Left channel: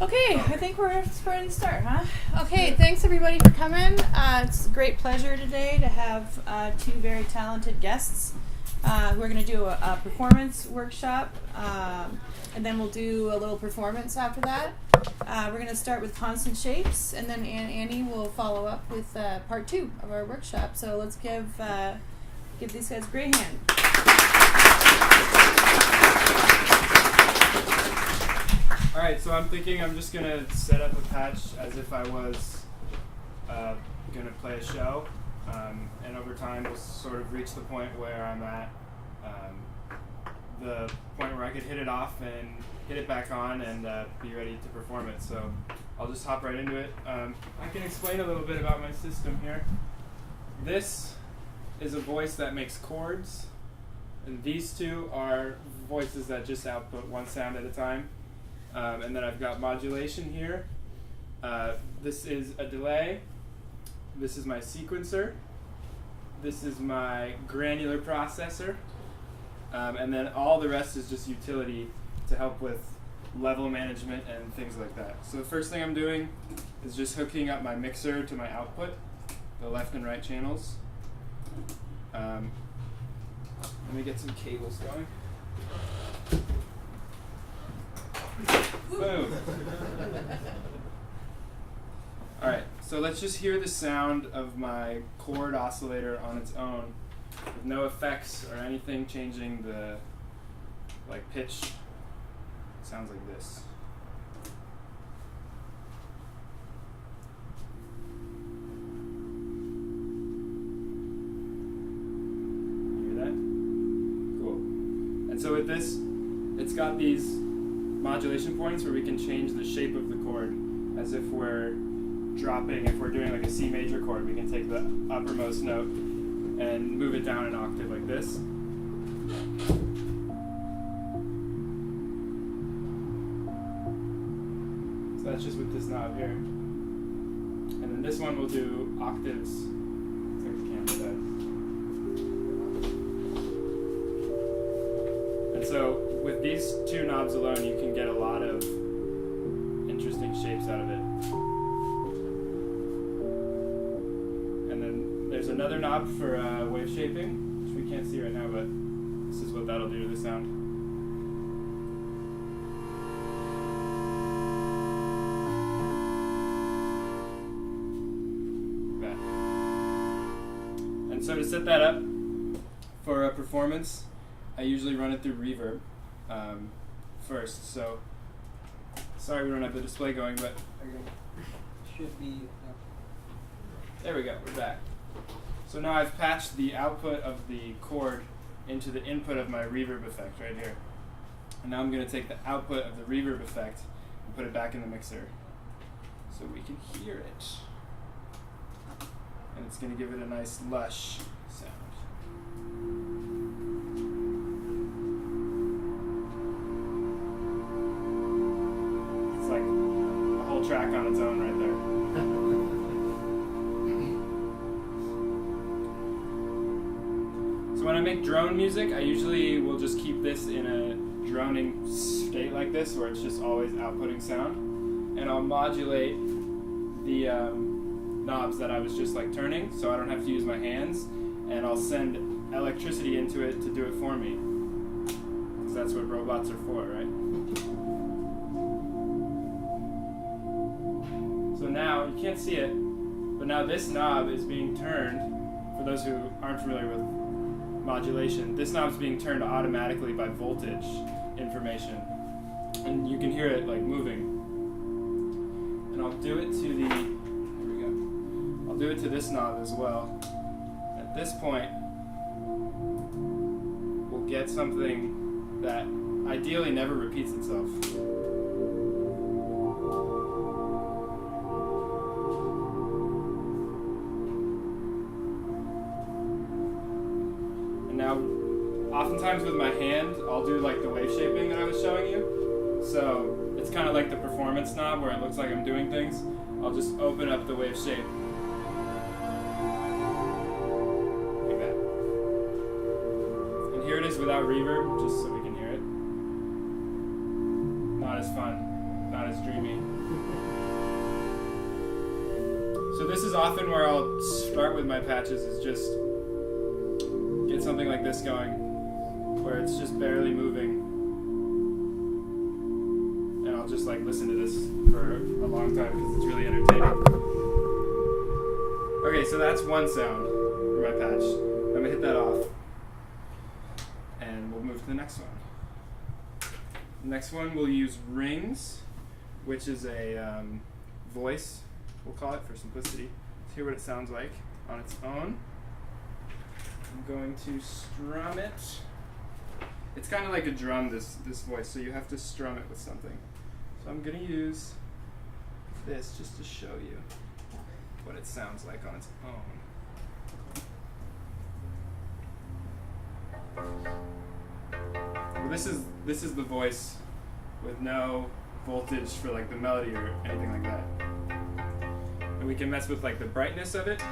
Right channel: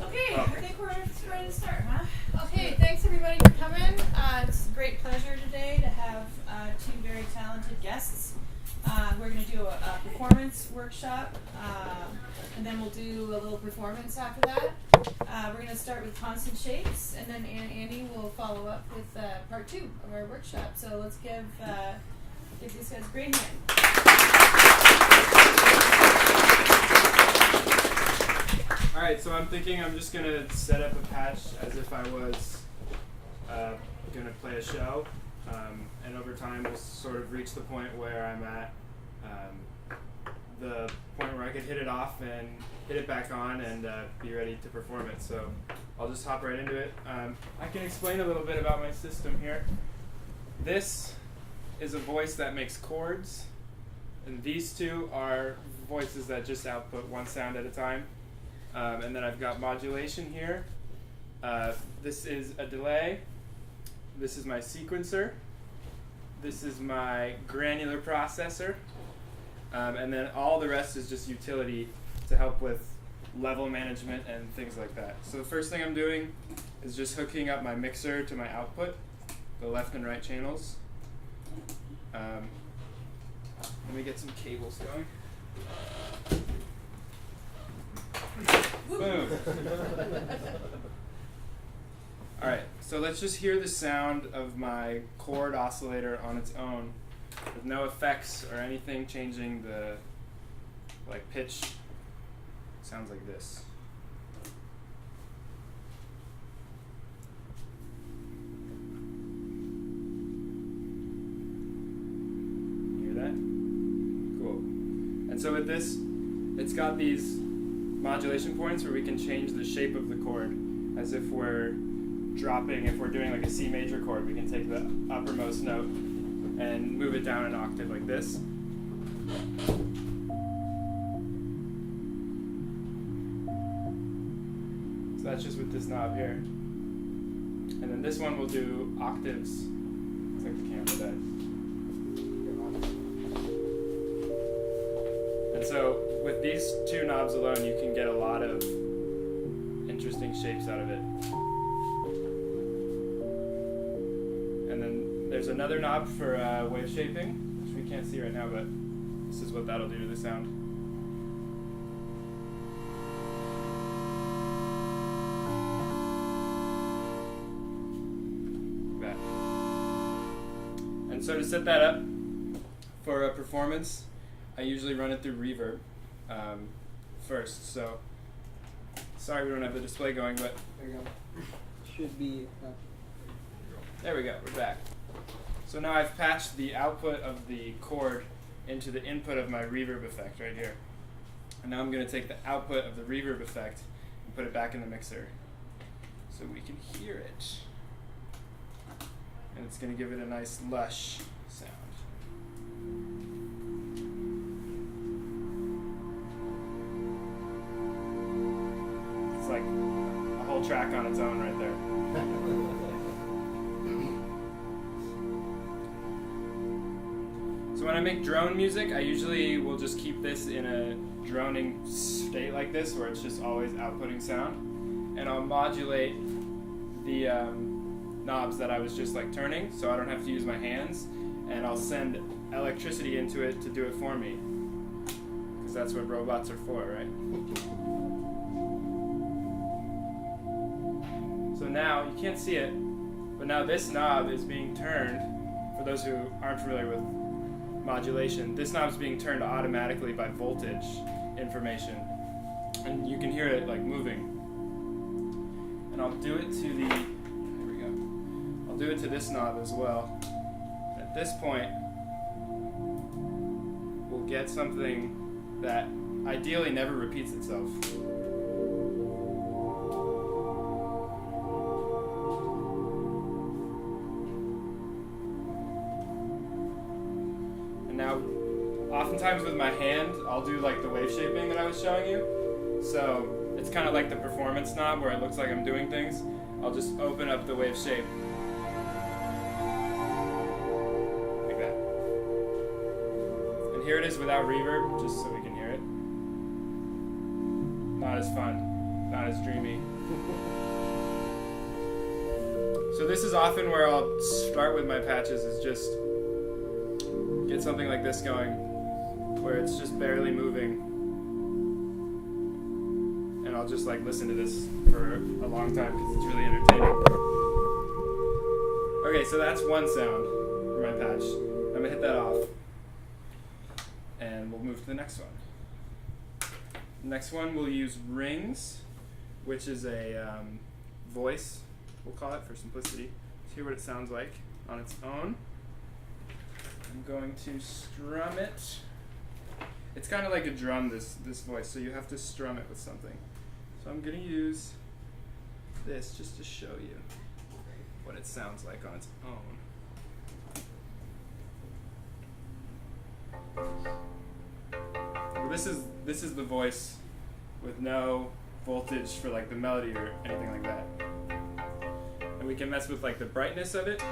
Okay, I think we're ready to start, huh? Okay, thanks everybody for coming. It's a great pleasure today to have two very talented guests. We're going to do a performance workshop, and then we'll do a little performance after that. We're going to start with constant shapes, and then Annie will follow up with part two of our workshop. So let's give these guys a great hand. Alright, so I'm thinking I'm just going to set up a patch as if I was going to play a show, and over time we'll sort of reach the point where I'm at the point where I could hit it off and hit it back on and be ready to perform it. So I'll just hop right into it. I can explain a little bit about my system here. This is a voice that makes chords, and these two are voices that just output one sound at a time. And then I've got modulation here. This is a delay. This is my sequencer. This is my granular processor. And then all the rest is just utility to help with level management and things like that. So the first thing I'm doing is just hooking up my mixer to my output, the left and right channels. Let me get some cables going. Boom. Alright, so let's just hear the sound of my chord oscillator on its own with no effects or anything changing the pitch. It sounds like this. Hear that? Cool. And so with this, it's got these modulation points where we can change the shape of the chord as if we're dropping, if we're doing like a C major chord, we can take the uppermost note and move it down an octave like this. So that's just with this knob here. And then this one will do octaves. It's like the camera does. And so with these two knobs alone, you can get a lot of interesting shapes out of it. And then there's another knob for wave shaping, which we can't see right now, but this is what that'll do to the sound. Like that. And so to set that up for a performance, I usually run it through reverb first. So sorry we don't have the display going, but there you go. Should be. There we go. We're back. So now I've patched the output of the chord into the input of my reverb effect right here. And now I'm going to take the output of the reverb effect and put it back in the mixer so we can hear it. And it's going to give it a nice lush sound. It's like a whole track on its own right there. So when I make drone music, I usually will just keep this in a droning state like this, where it's just always outputting sound. And I'll modulate the knobs that I was just turning, so I don't have to use my hands. And I'll send electricity into it to do it for me. Because that's what robots are for, right? So now, you can't see it, but now this knob is being turned, for those who aren't familiar with modulation, this knob's being turned automatically by voltage information. And you can hear it moving. And I'll do it to the, there we go. I'll do it to this knob as well. At this point, we'll get something that ideally never repeats itself. Now, oftentimes with my hand, I'll do the wave shaping that I was showing you. So it's kind of like the performance knob where it looks like I'm doing things. I'll just open up the wave shape. Like that. And here it is without reverb, just so we can hear it. Not as fun. not as dreamy. So this is often where I'll start with my patches, is just get something like this going, where it's just barely moving. And I'll just like listen to this for a long time because it's really entertaining. Okay, so that's one sound for my patch. I'm gonna hit that off. And we'll move to the next one. Next one, we'll use rings, which is a voice, we'll call it for simplicity. Let's hear what it sounds like on its own. I'm going to strum it. It's kind of like a drum, this voice, so you have to strum it with something. So I'm going to use this just to show you what it sounds like on its own. Well, this is the voice with no voltage for like the melody or anything like that. And we can mess with like the brightness of it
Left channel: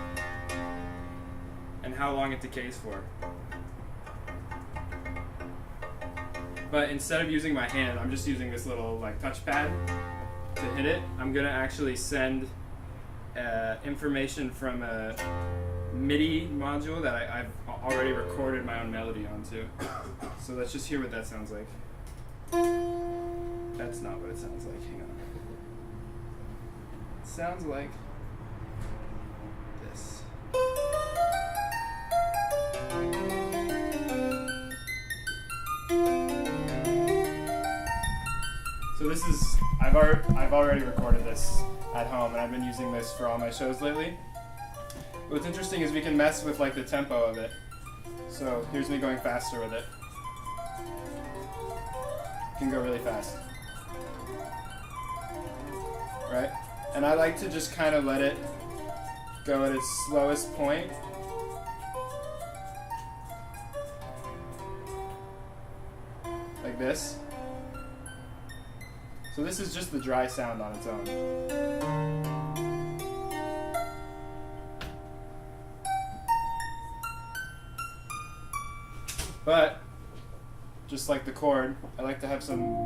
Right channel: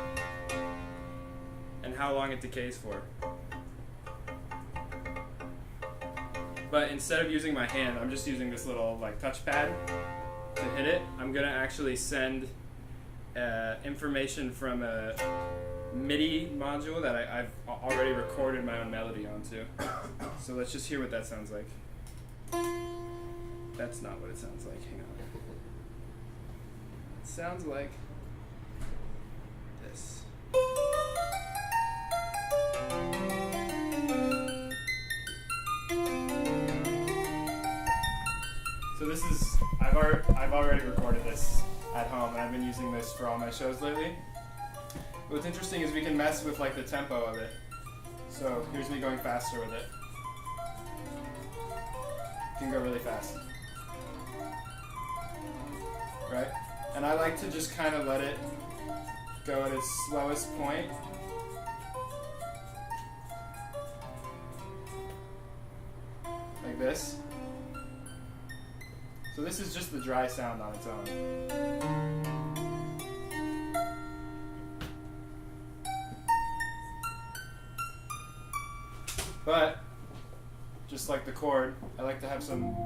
and how long it decays for. But instead of using my hand, I'm just using this little like touchpad to hit it. I'm gonna actually send information from a MIDI module that I've already recorded my own melody onto. So let's just hear what that sounds like. That's not what it sounds like. Hang on. It sounds like this. So this is, I've already recorded this at home, and I've been using this for all my shows lately. What's interesting is we can mess with like the tempo of it. So here's me going faster with it. Can go really fast. Right? And I like to just kind of let it go at its slowest point. Like this. So this is just the dry sound on its own. But, just like the chord, I like to have some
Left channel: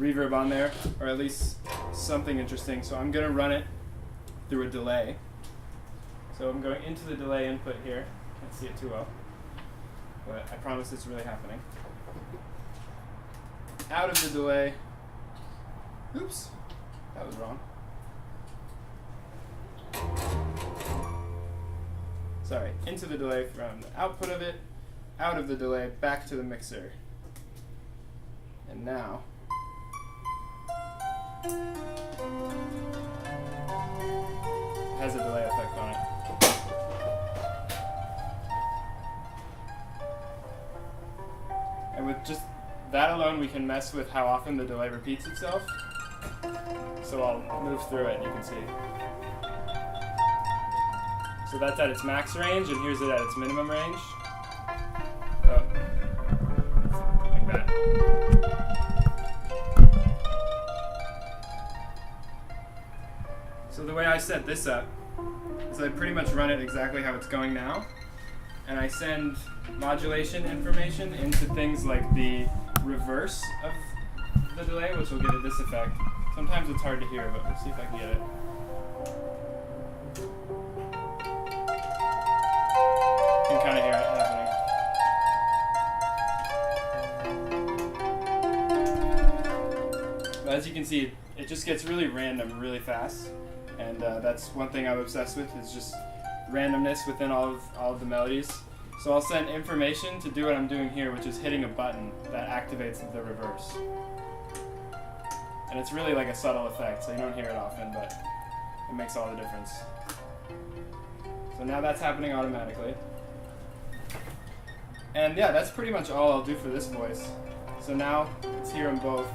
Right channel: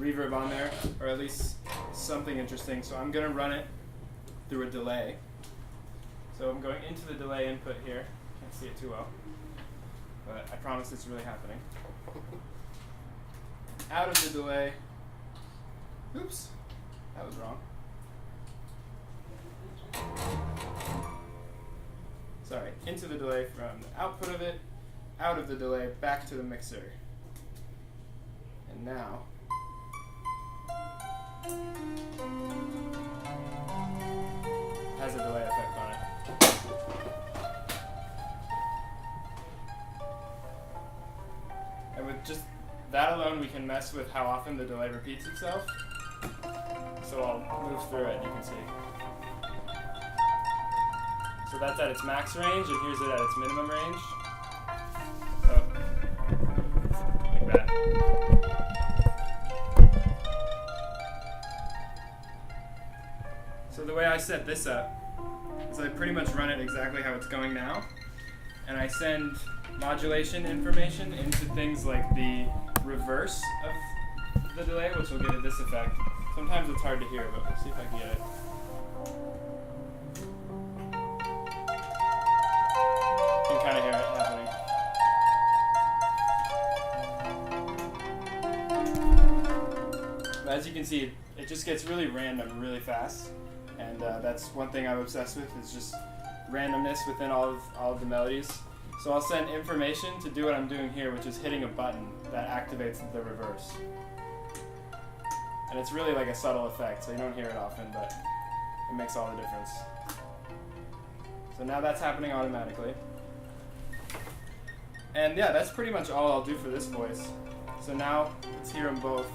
reverb on there, or at least something interesting. So I'm going to run it through a delay. So I'm going into the delay input here. Can't see it too well, but I promise it's really happening. Out of the delay. Oops, that was wrong. Sorry, into the delay from the output of it, out of the delay, back to the mixer. And now, it has a delay effect on it. And with just that alone, we can mess with how often the delay repeats itself. So I'll move through it and you can see. So that's at its max range, and here's it at its minimum range. Oh, like that. So the way I set this up is I pretty much run it exactly how it's going now, and I send modulation information into things like the reverse of the delay, which will give it this effect. Sometimes it's hard to hear, but we'll see if I can get it. You can kind of hear it happening. But as you can see, it just gets really random really fast. And that's one thing I'm obsessed with, is just randomness within all of the melodies. So I'll send information to do what I'm doing here, which is hitting a button that activates the reverse. And it's really like a subtle effect, so you don't hear it often, but it makes all the difference. So now that's happening automatically. And yeah, that's pretty much all I'll do for this voice. So now, let's hear them both.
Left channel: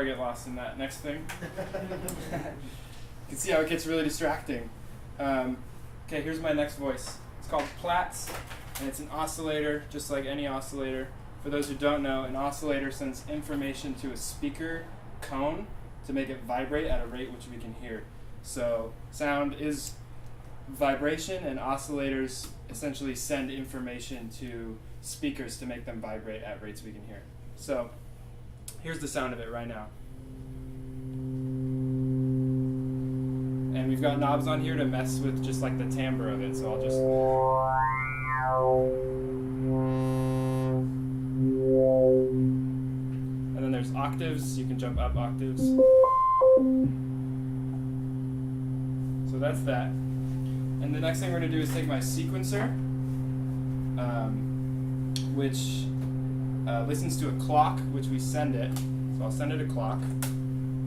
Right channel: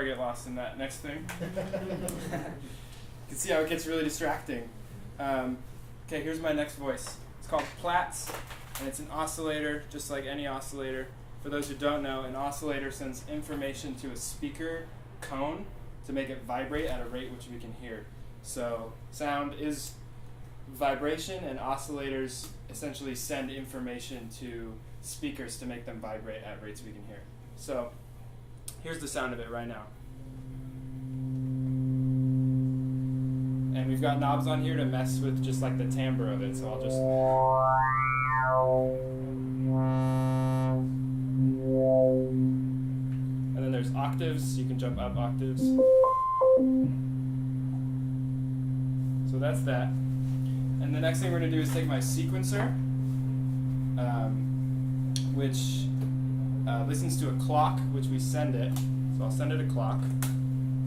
before I get lost in that next thing. You can see how it gets really distracting. Okay, here's my next voice. It's called Platts, and it's an oscillator, just like any oscillator. For those who don't know, an oscillator sends information to a speaker cone to make it vibrate at a rate which we can hear. So sound is vibration, and oscillators essentially send information to speakers to make them vibrate at rates we can hear. So here's the sound of it right now. And we've got knobs on here to mess with just like the timbre of it, so I'll just... And then there's octaves, you can jump up octaves. So that's that. And the next thing we're going to do is take my sequencer, which listens to a clock, which we send it. So I'll send it a clock,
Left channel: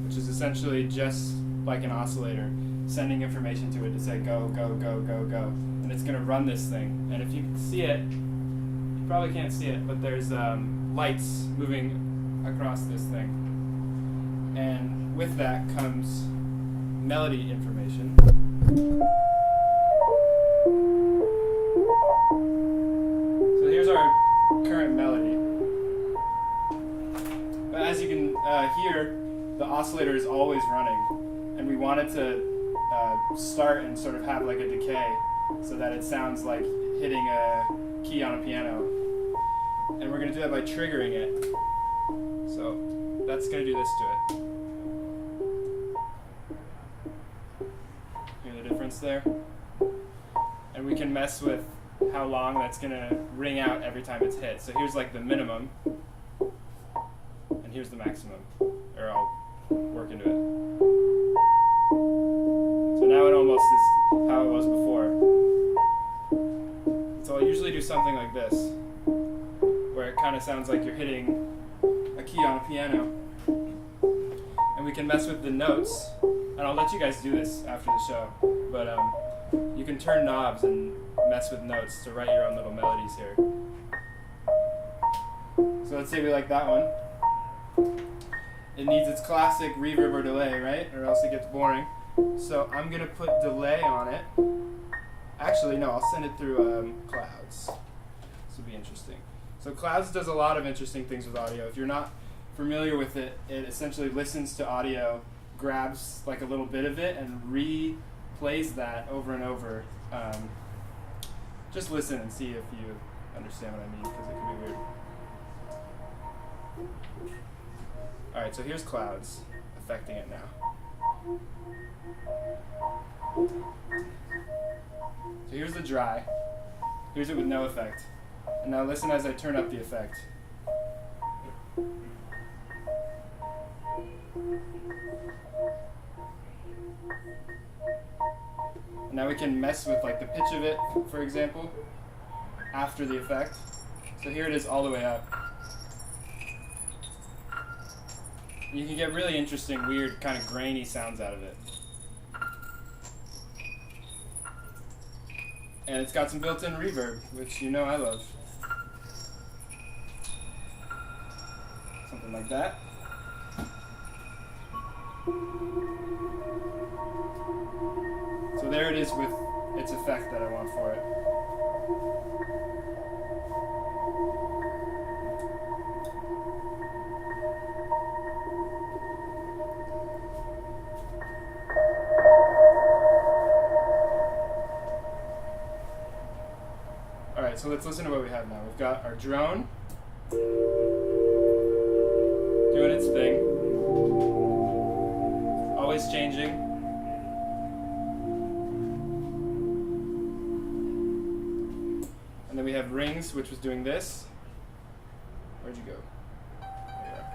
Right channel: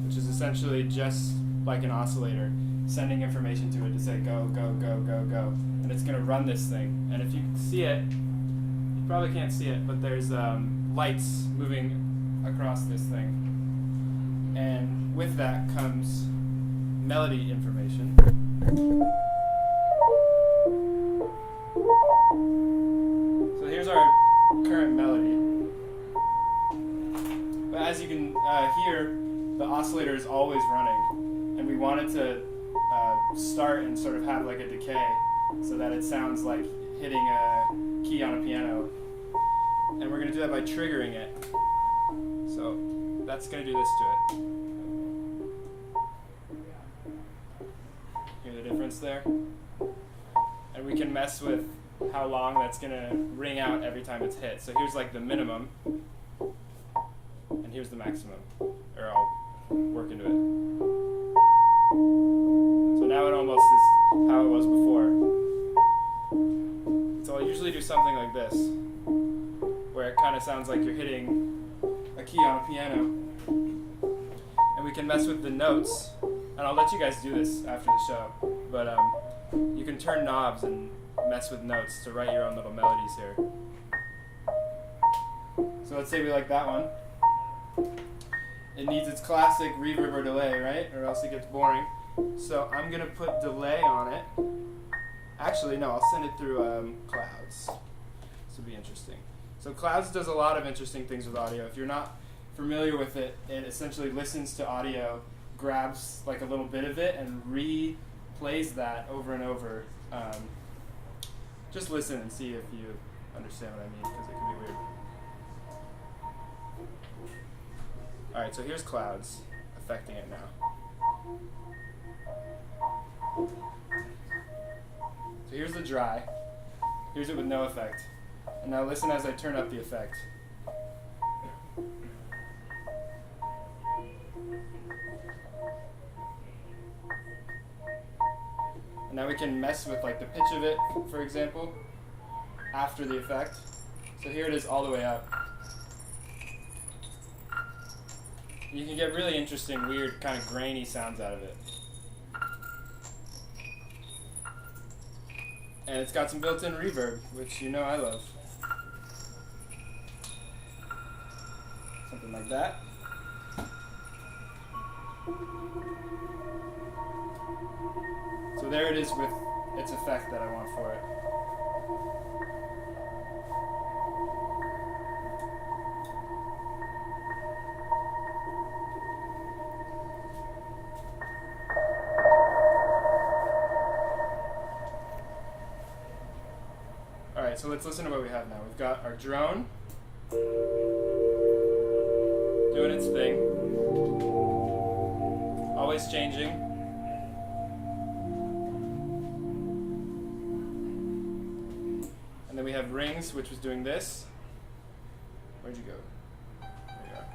which is essentially just like an oscillator, sending information to it to say go, go, go, go, go. And it's going to run this thing. And if you see it, you probably can't see it, but there's lights moving across this thing. And with that comes melody information. So here's our current melody. But as you can hear, the oscillator is always running. And we want it to start and sort of have like a decay so that it sounds like hitting a key on a piano. And we're going to do that by triggering it. So that's going to do this to it. Hear the difference there? And we can mess with how long that's going to ring out every time it's hit. So here's like the minimum, and here's the maximum, or I'll work into it. So now it almost is how it was before. So I'll usually do something like this, where it kind of sounds like you're hitting a key on a piano. And we can mess with the notes, and I'll let you guys do this after the show, but you can turn knobs and mess with notes to write your own little melodies here. So let's say we like that one. It needs its classic reverb or delay, right? Or else it gets boring. So I'm going to put delay on it. Actually, no, I'll send it through Clouds. This will be interesting. So Clouds does a lot of interesting things with audio. If you're not familiar with it, it essentially listens to audio, grabs like a little bit of it, and replays that over and over. Just listen and see if you understand what I mean, because it can be weird. Alright, so here's Clouds, affecting it now. So here's the dry. Here's it with no effect. And now listen as I turn up the effect. And now we can mess with like the pitch of it, for example, after the effect. So here it is all the way up. You can get really interesting, weird, kind of grainy sounds out of it. And it's got some built-in reverb, which you know I love. Something like that. So there it is with its effect that I want for it. Alright, so let's listen to what we have now. We've got our drone doing its thing, always changing. And then we have rings, which was doing this. Where'd you go? There you are.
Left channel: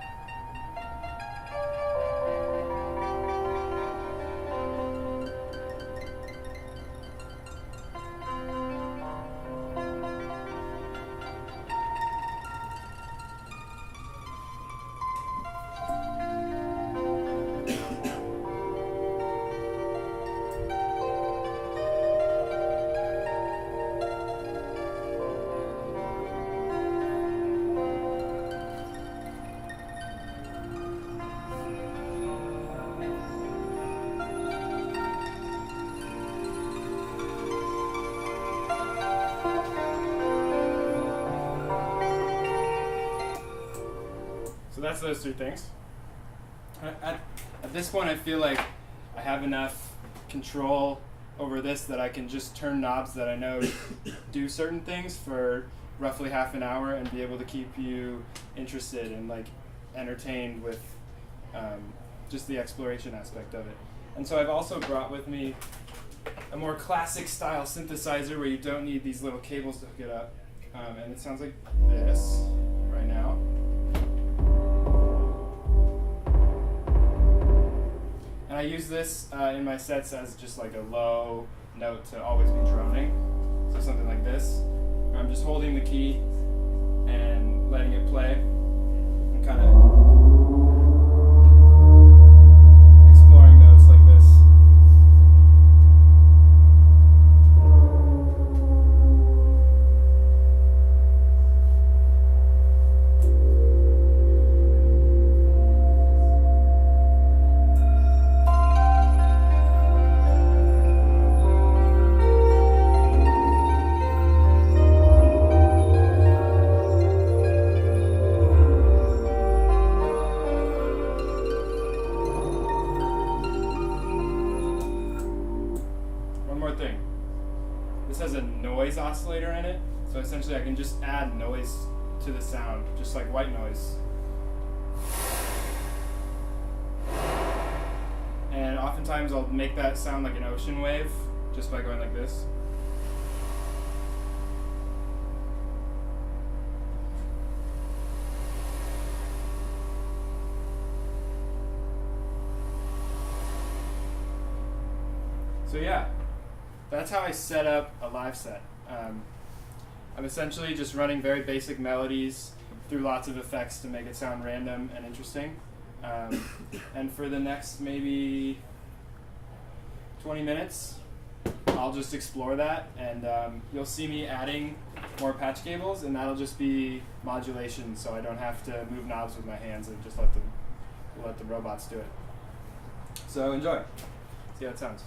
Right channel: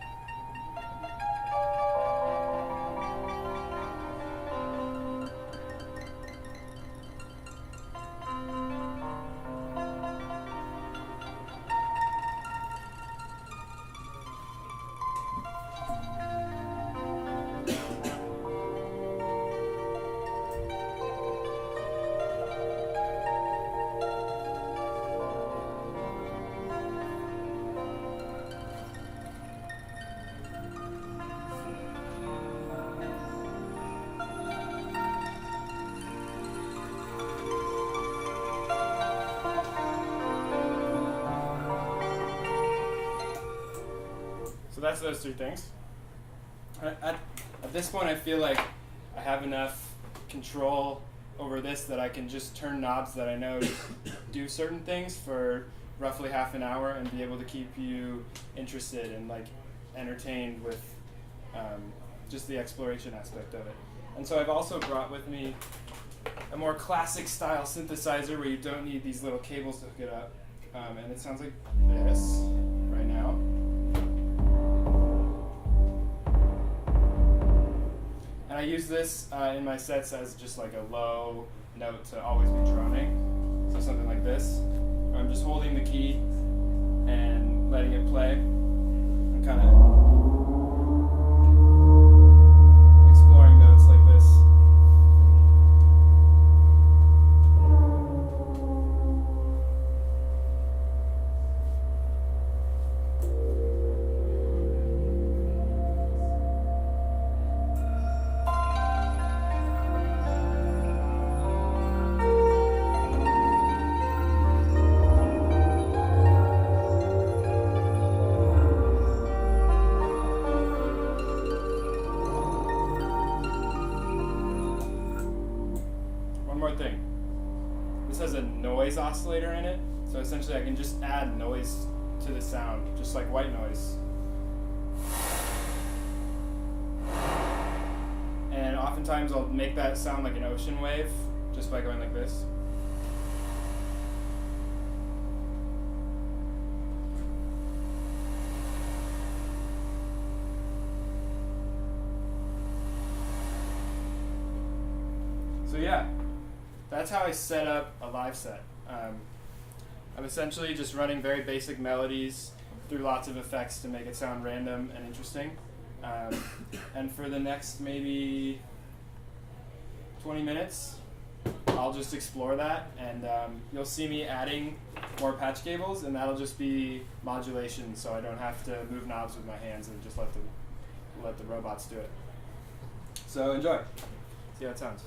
So that's those three things. At this point, I feel like I have enough control over this that I can just turn knobs that I know do certain things for roughly half an hour and be able to keep you interested and like entertained with just the exploration aspect of it. And so I've also brought with me a more classic style synthesizer where you don't need these little cables to hook it up. And it sounds like this right now. And I use this in my sets as just like a low note to always be droning. So something like this. Where I'm just holding the key and letting it play and kind of exploring notes like this. Thing. This has a noise oscillator in it, so essentially I can just add noise to the sound, just like white noise. And oftentimes I'll make that sound like an ocean wave just by going like this. So yeah. That's how I set up a live set. I'm essentially just running very basic melodies through lots of effects to make it sound random and interesting. And for the next maybe 20 minutes, I'll just explore that, and you'll see me adding more patch cables, and that'll just be modulation, so I don't have to move knobs with my hands and just let the robots do it. So enjoy. See how it sounds.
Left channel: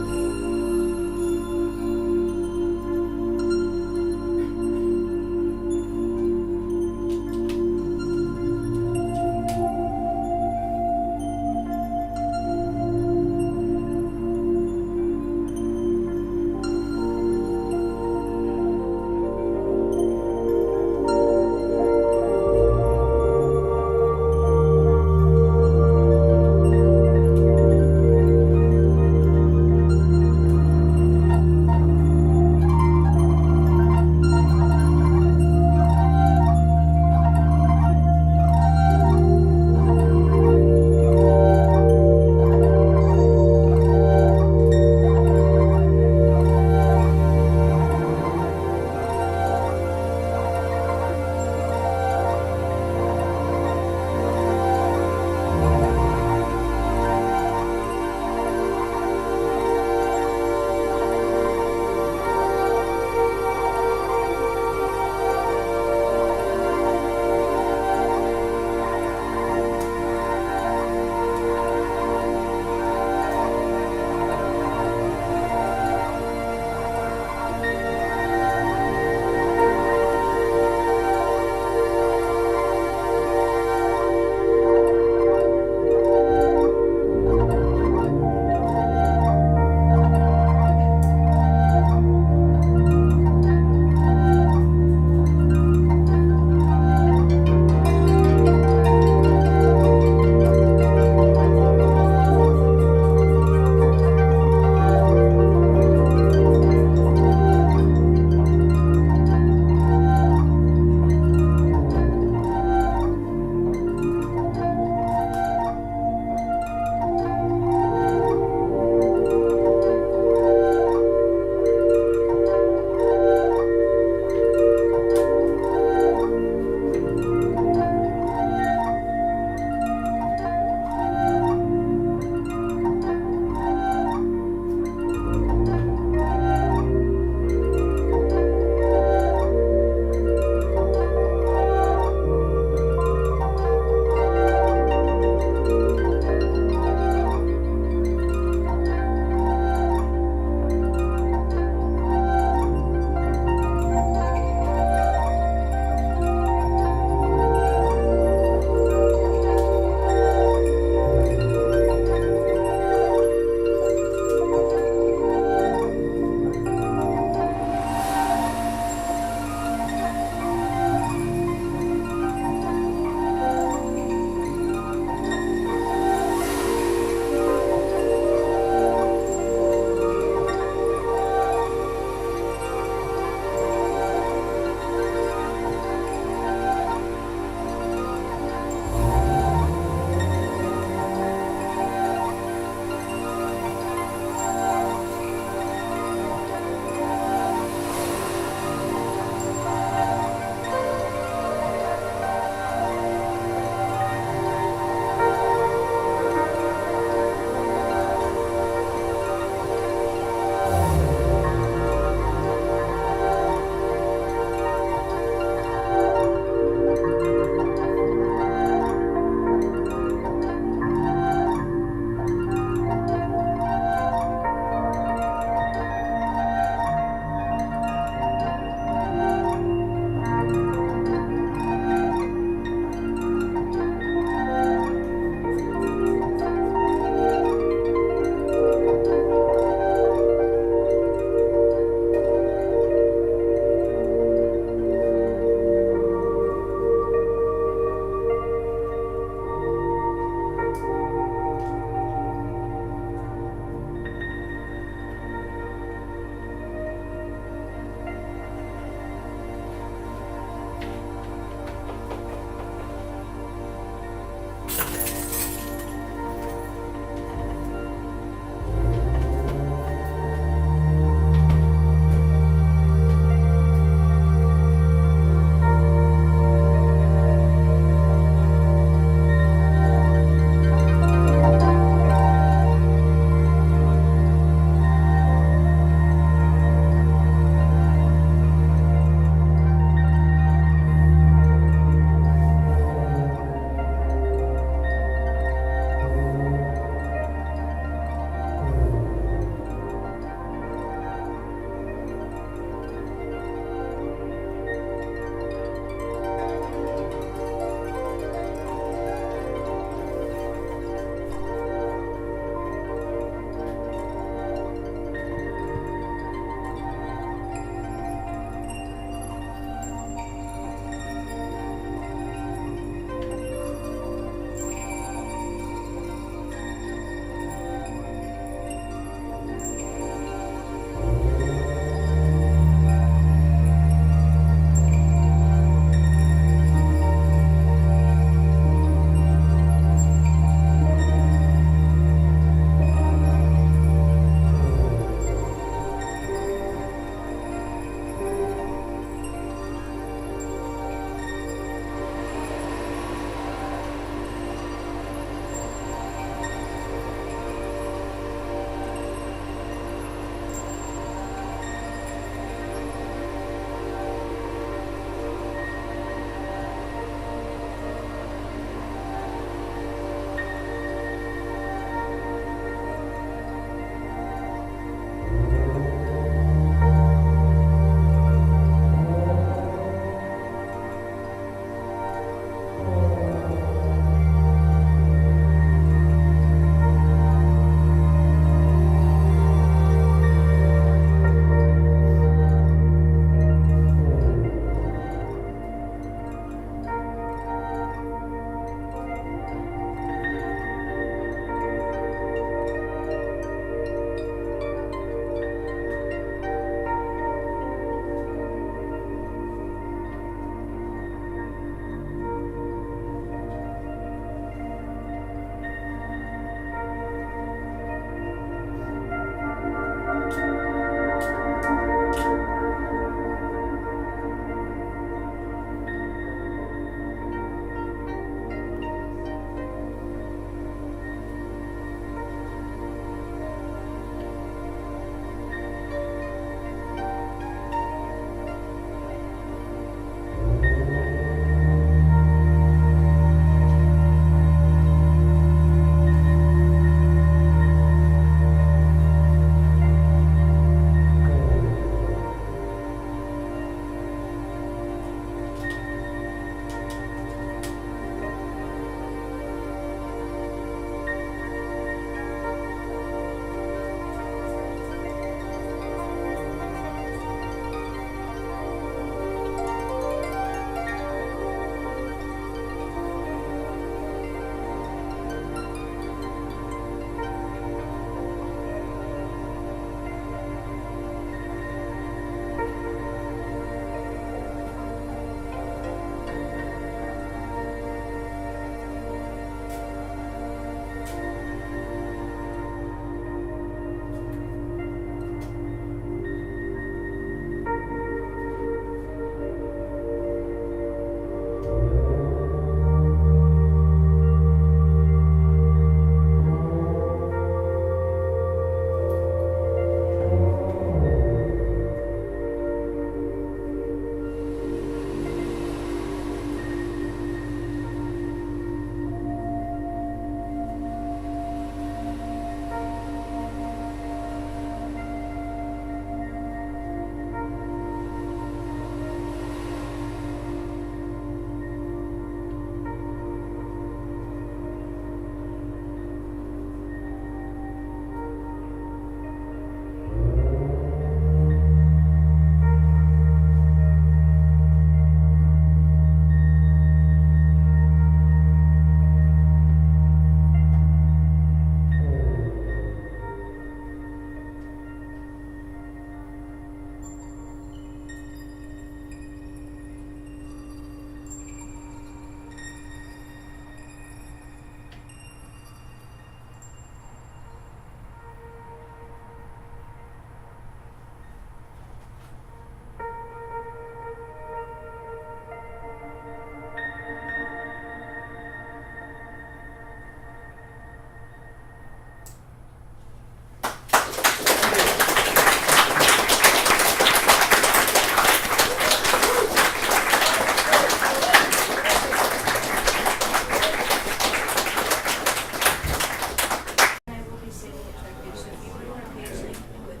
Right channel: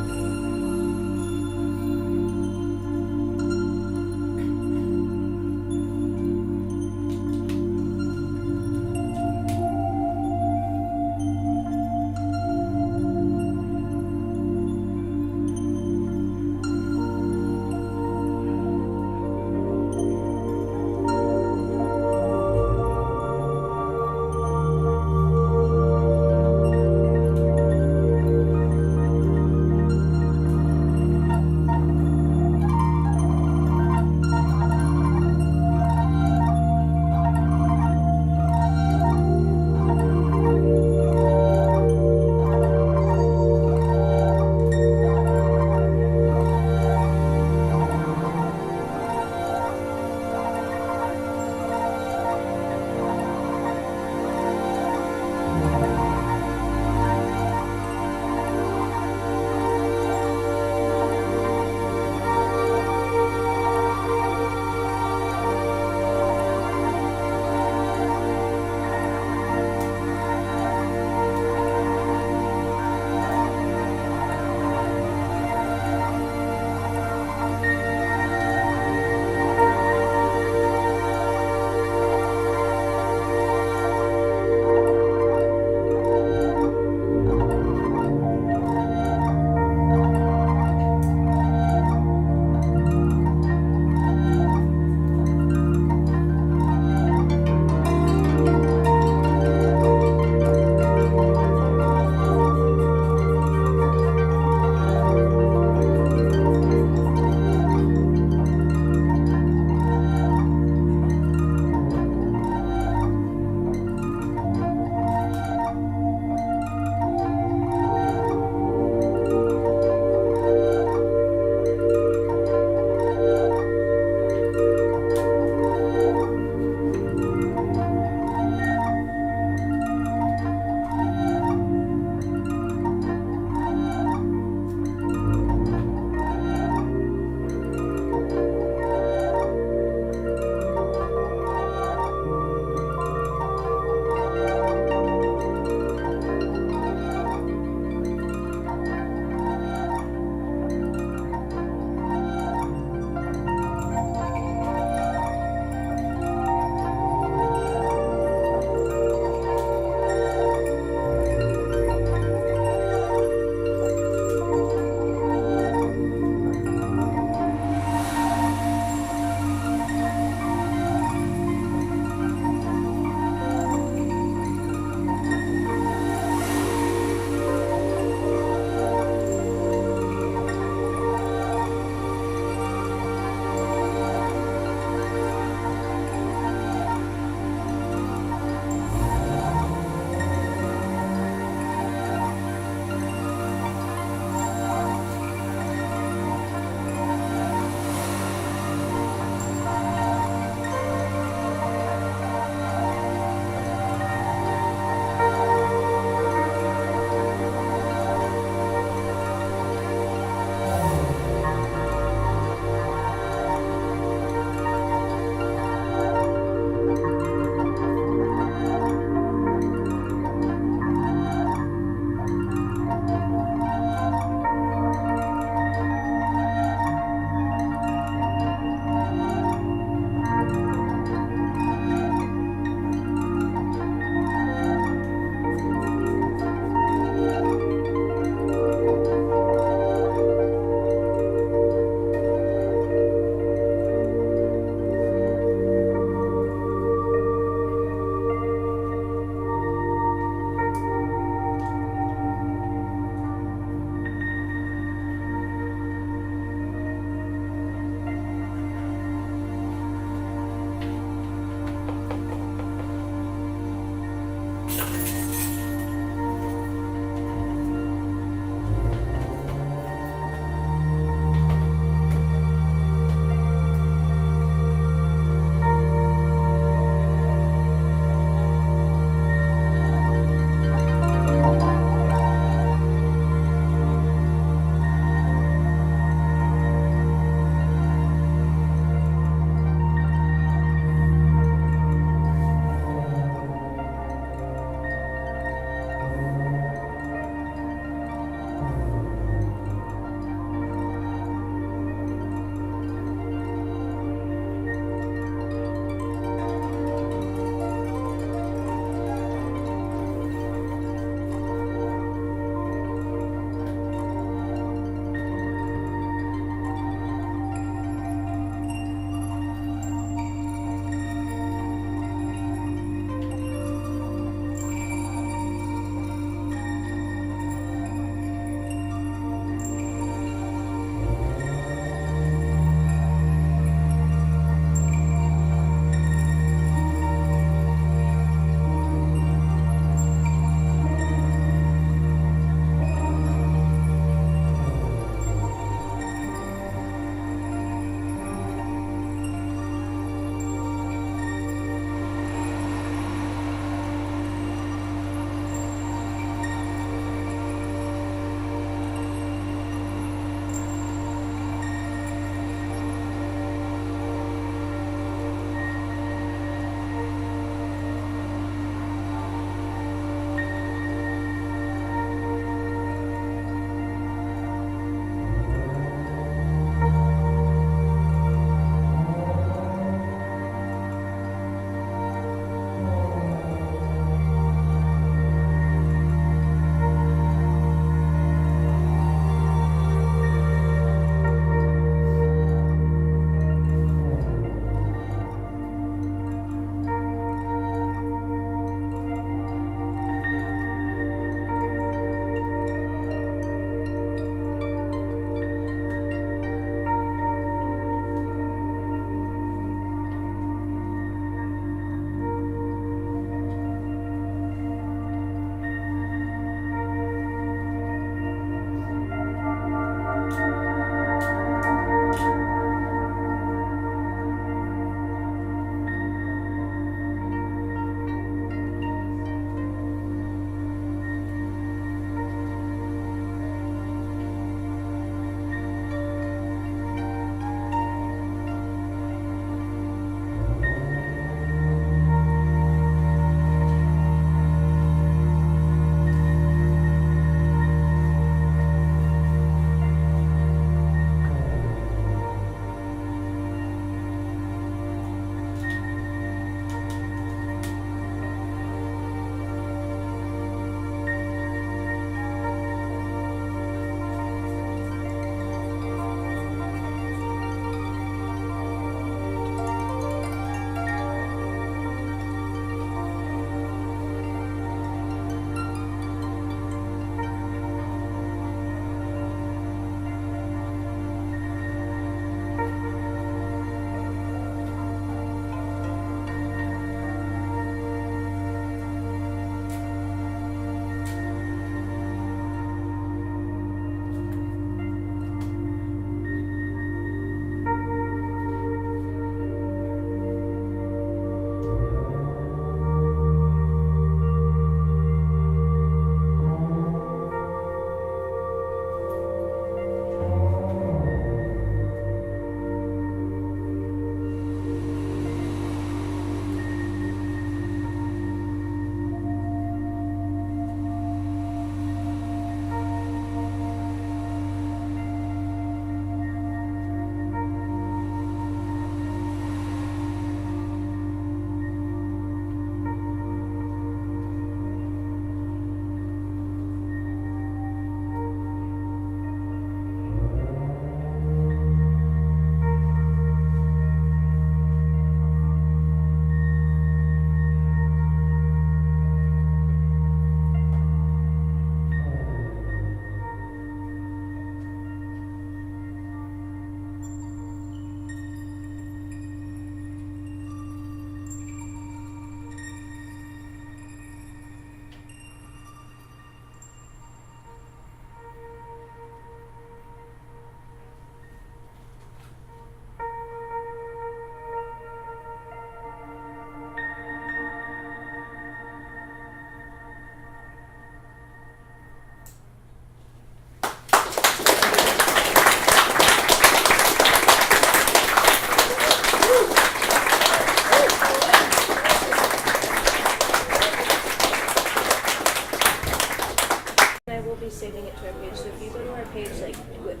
saving it to our page. So if you go to our page like with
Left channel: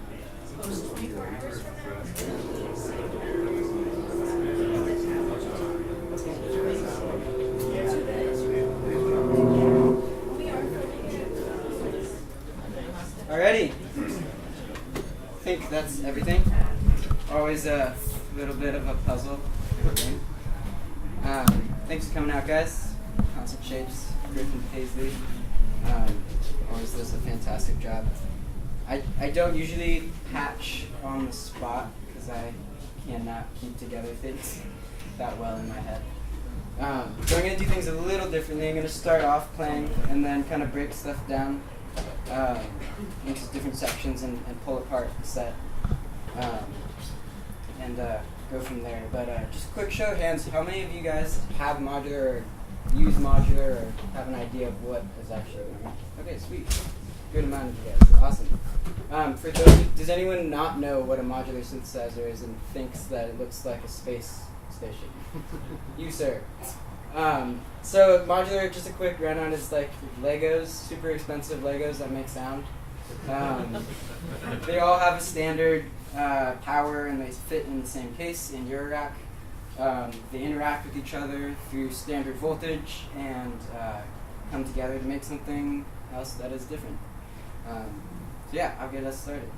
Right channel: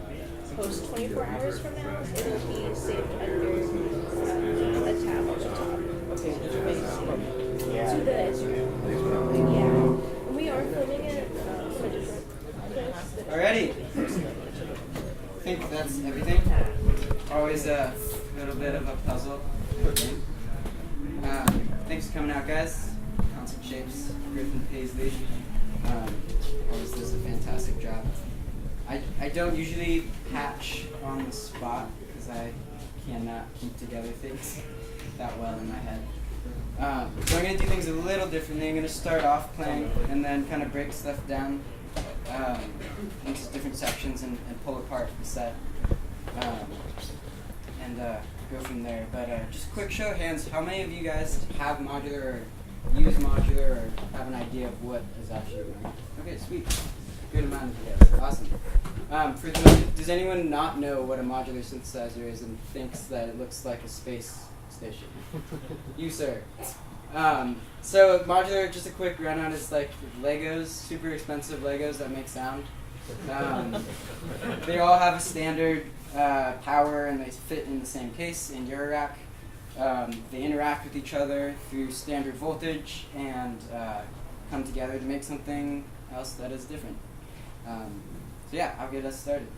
post 24 hours from now, it'll be saved to the tab. Yeah. We are filming it. Alrighty. I think that's everything. Always a little bit of a puzzle. Thanks for coming out, guys. Concept Shapes, Griffin Paisley. Always does a fantastic job. I don't usually patch on the spot because I cannot keep together things that well in my head. So I'm going to do things a little differently. I'm going to start off playing and then kind of break stuff down into different sections and pull apart the set and go from there. But just a quick show of hands, how many of you guys have modular or use modular or have an idea of what is actually going on? Okay, sweet. Good amount of you guys. Awesome. For those, does anyone not know what a modular synthesizer is and thinks that it looks like a space station? You, sir. So modular, just a quick rundown, is like Legos, super expensive Legos that make sound. They all have a standard power and they fit in the same case in your rack. They interact with each other through standard voltage and come together to make something else that is different. So yeah, I'll get us started.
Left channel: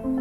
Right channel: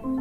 Thank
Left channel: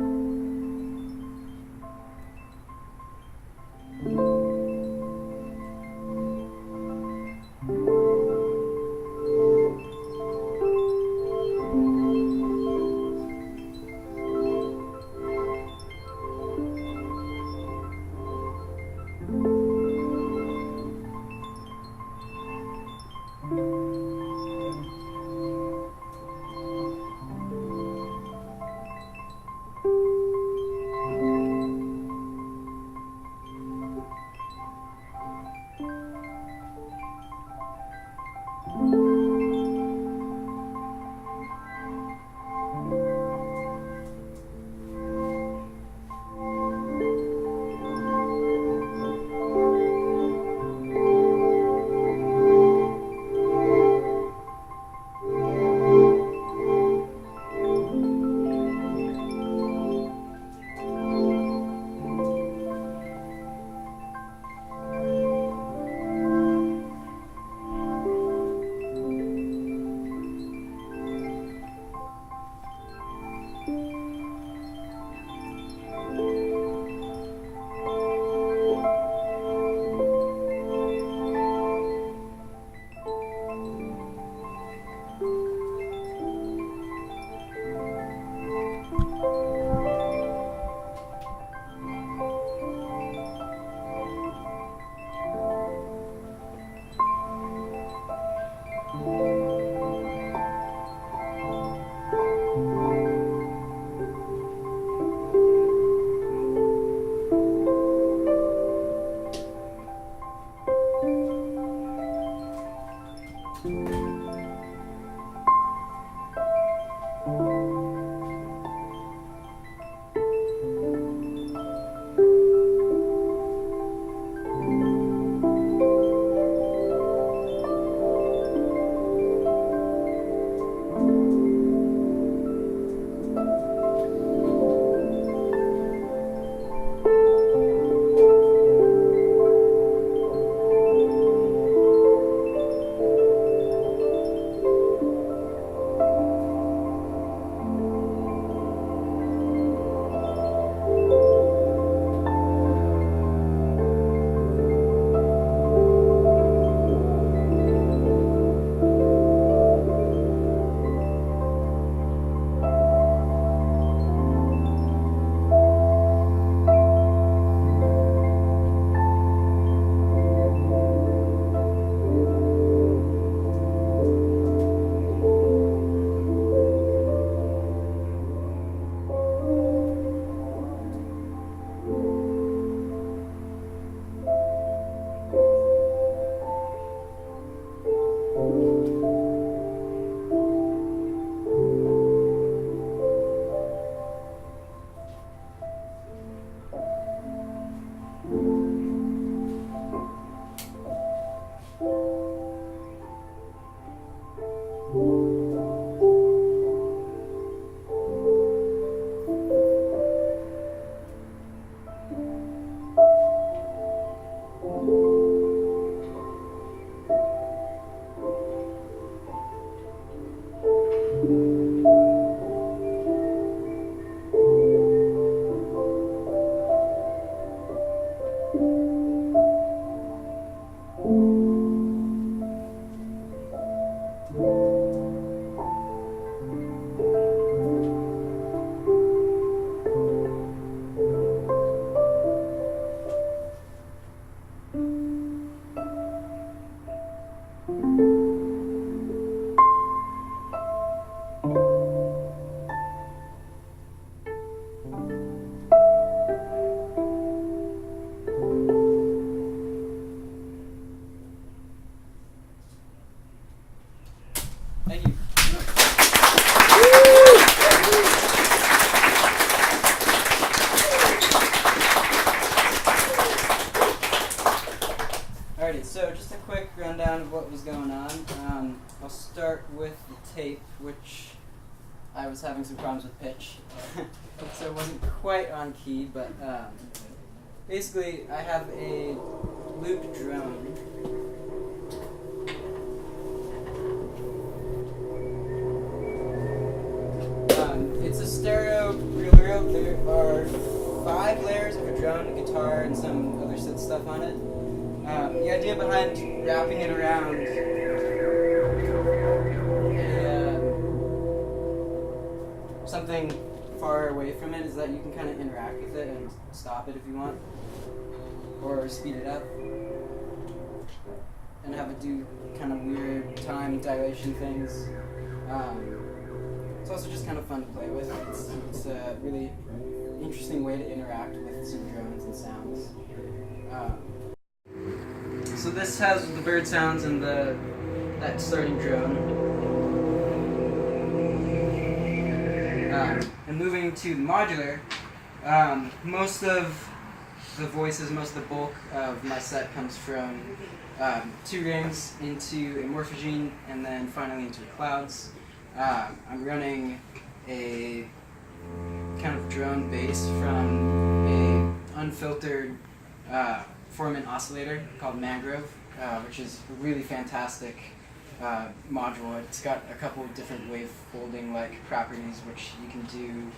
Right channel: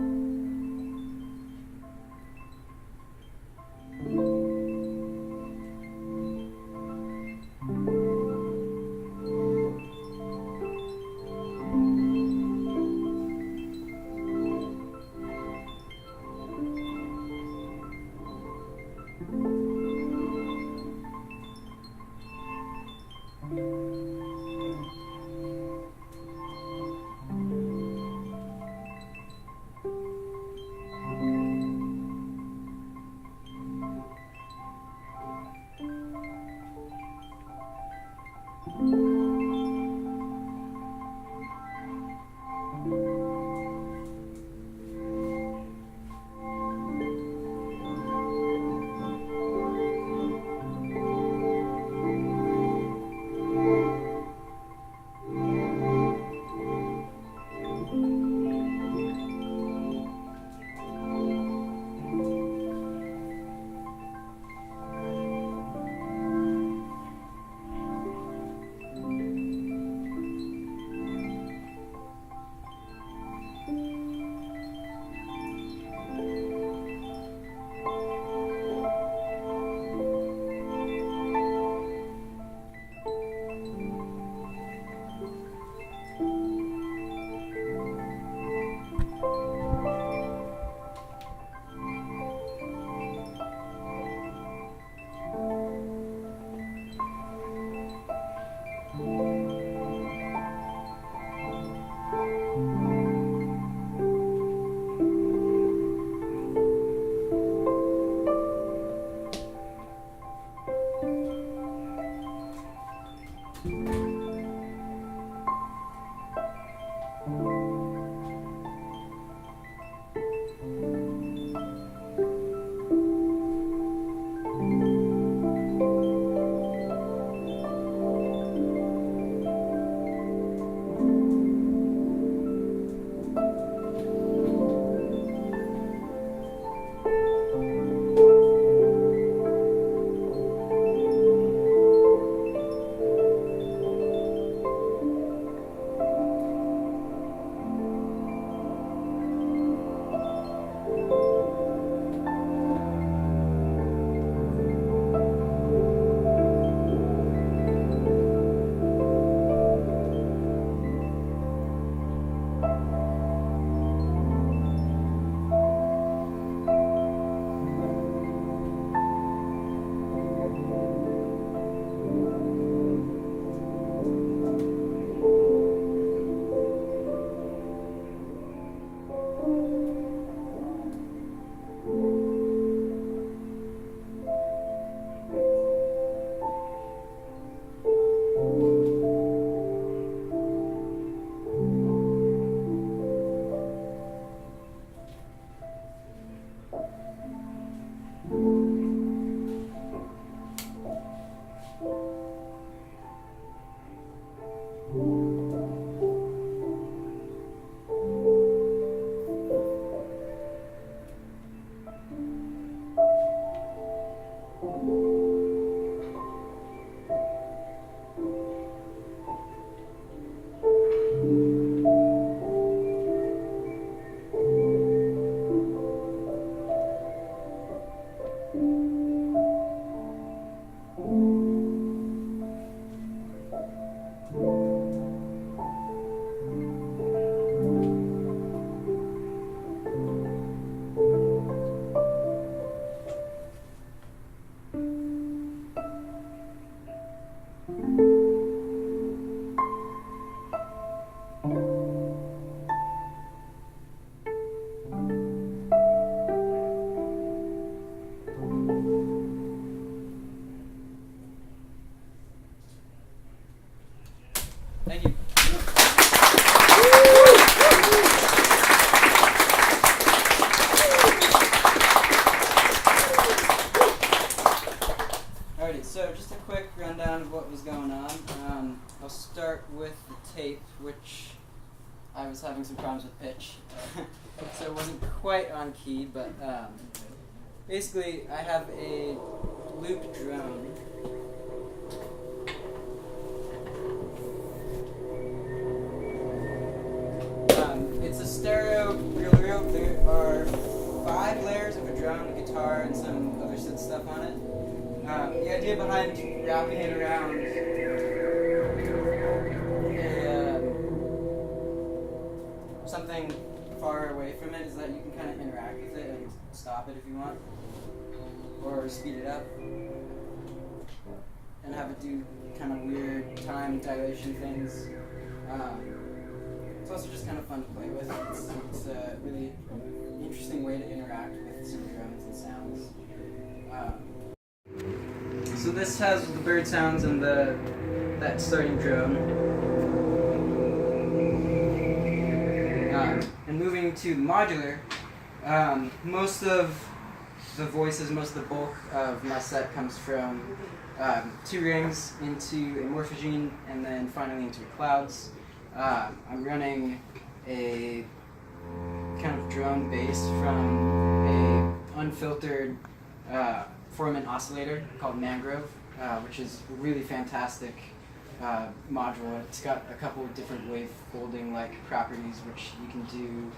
you. Alrighty, so just a quick rundown of what was going on. I'll start with the tape, which I was having some problems with pitch, so it wasn't quite on key, but basically I have a loop drone. It's a stereo reel material. There are 5 layers of a drone, a guitar, and some other synth stuff on it. The idea behind wrapping it around something far away from it is that you can kind of interact with it and stop it if you want, or speed it up, and have it do kind of weird time dilation things. It's also just kind of fun to play with. It's a really interesting way to interact with some drones and sounds. So this has the bird sounds and that starting drone. And moving to modular, most of the voices, most of the bulk of my set comes from 2 rings into a morphogene and then finally into clouds. I'm running a kind of drone bass from a unfiltered Foreman oscillator called Mangrove, which is a really fantastic module. It's got a couple of different wave folding like properties, which you can do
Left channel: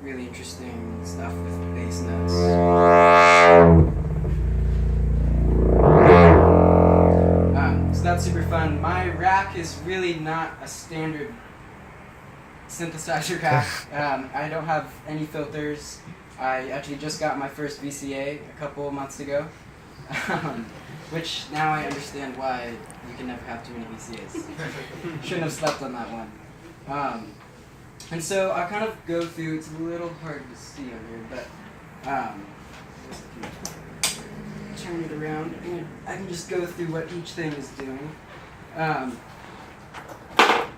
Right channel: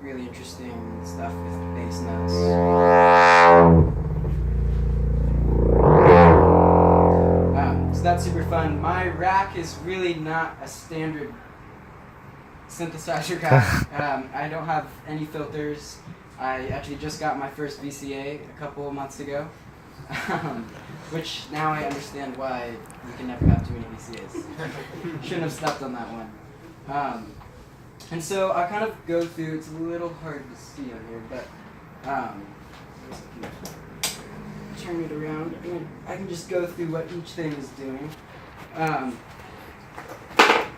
really interesting stuff with bass notes. So that's super fun. My rack is really not a standard synthesizer rack. I don't have any filters. I actually just got my first VCA a couple of months ago, which now I understand why you can never have too many VCAs. Shouldn't have slept on that one. And so I kind of go through, it's a little hard to see on here, but turn it around, and I can just go through what each thing is doing.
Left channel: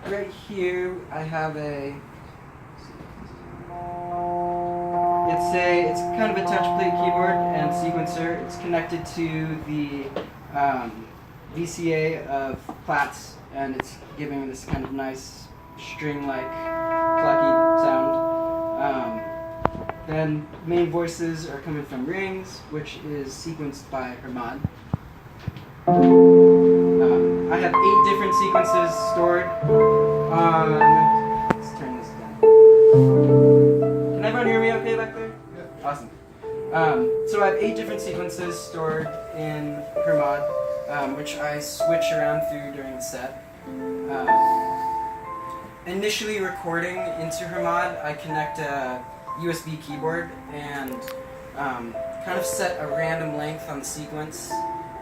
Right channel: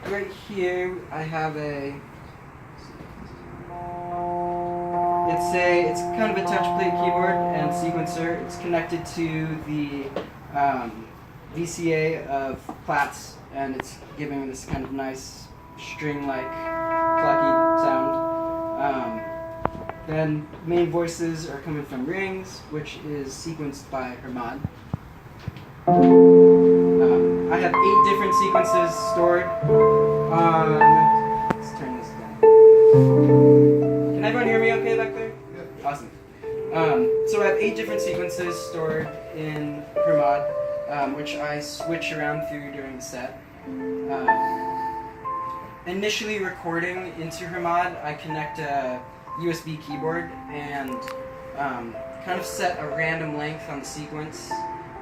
Right here, I have it's kind of a touch plate keyboard and sequencer. It's connected to the VCA of Platts, and it's giving this kind of nice string-like plucky sound. Then main voices are coming from rings, which is sequenced by Hermod. I have 8 different sequences stored on. Let's turn this down. Can everyone hear me okay back there? Yeah. Awesome. So I have 8 different sequences stored in Hermod, which I switch around through during the set. Initially recording into Hermod, I connect a USB keyboard and kind of set a random length on the sequence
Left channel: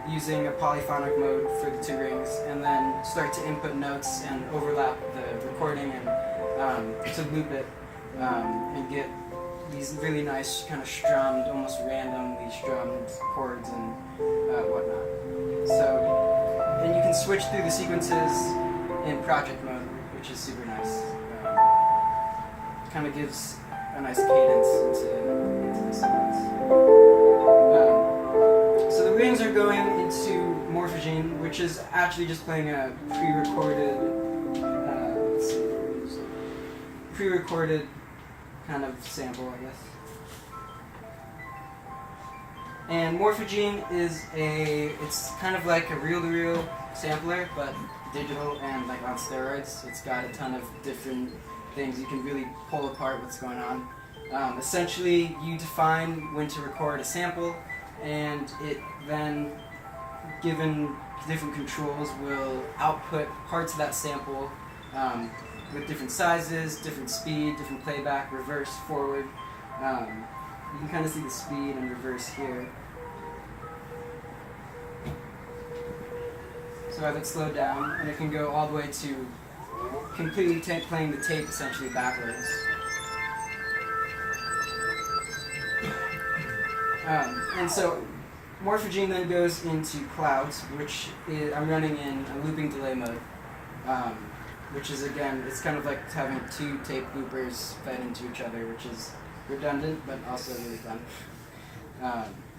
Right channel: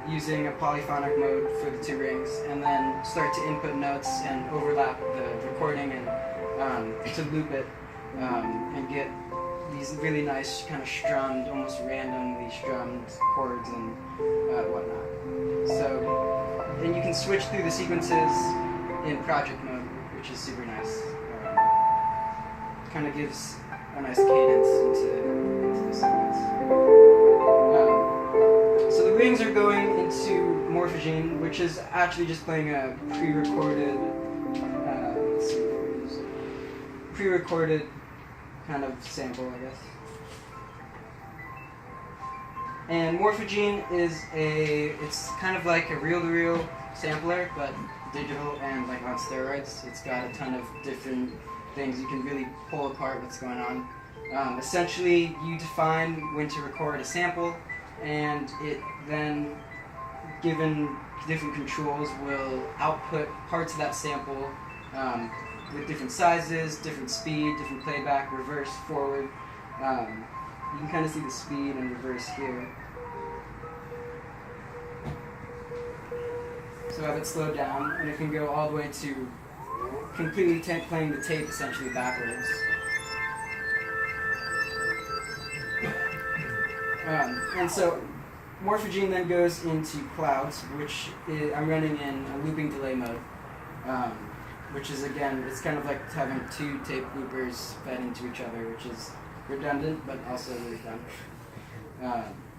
using a polyphonic mode for the 2 rings, and then start to input notes and overlap the recording and to loop it and get these really nice kind of strummed, almost randomly strummed chords and whatnot. So, and you can switch through the sequences in project mode, which is super nice. Kind of gives a nice cadence into the sequence. So the rings are going into morphogene, which is actually just playing a pre-recorded kind of sample, I guess. And morphogene is it's kind of like a reel-to-reel sampler, but digital and like on steroids. It's got a ton of different things. You can really pull apart what's going on. Essentially, you define when to record a sample, and it then, given different controls, will output parts of that sample with different sizes, different speed, different playback, reverse, forward. You can kind of see the speed and reverse here. So I have it slowed down, and it can go all the way to completely playing the tape essentially backwards. And so morphogene then goes into clouds, which I'm running in a looping delay mode, which is, again, it's kind of like having 2 tape loopers fed into each other, which is redundant but also really fun.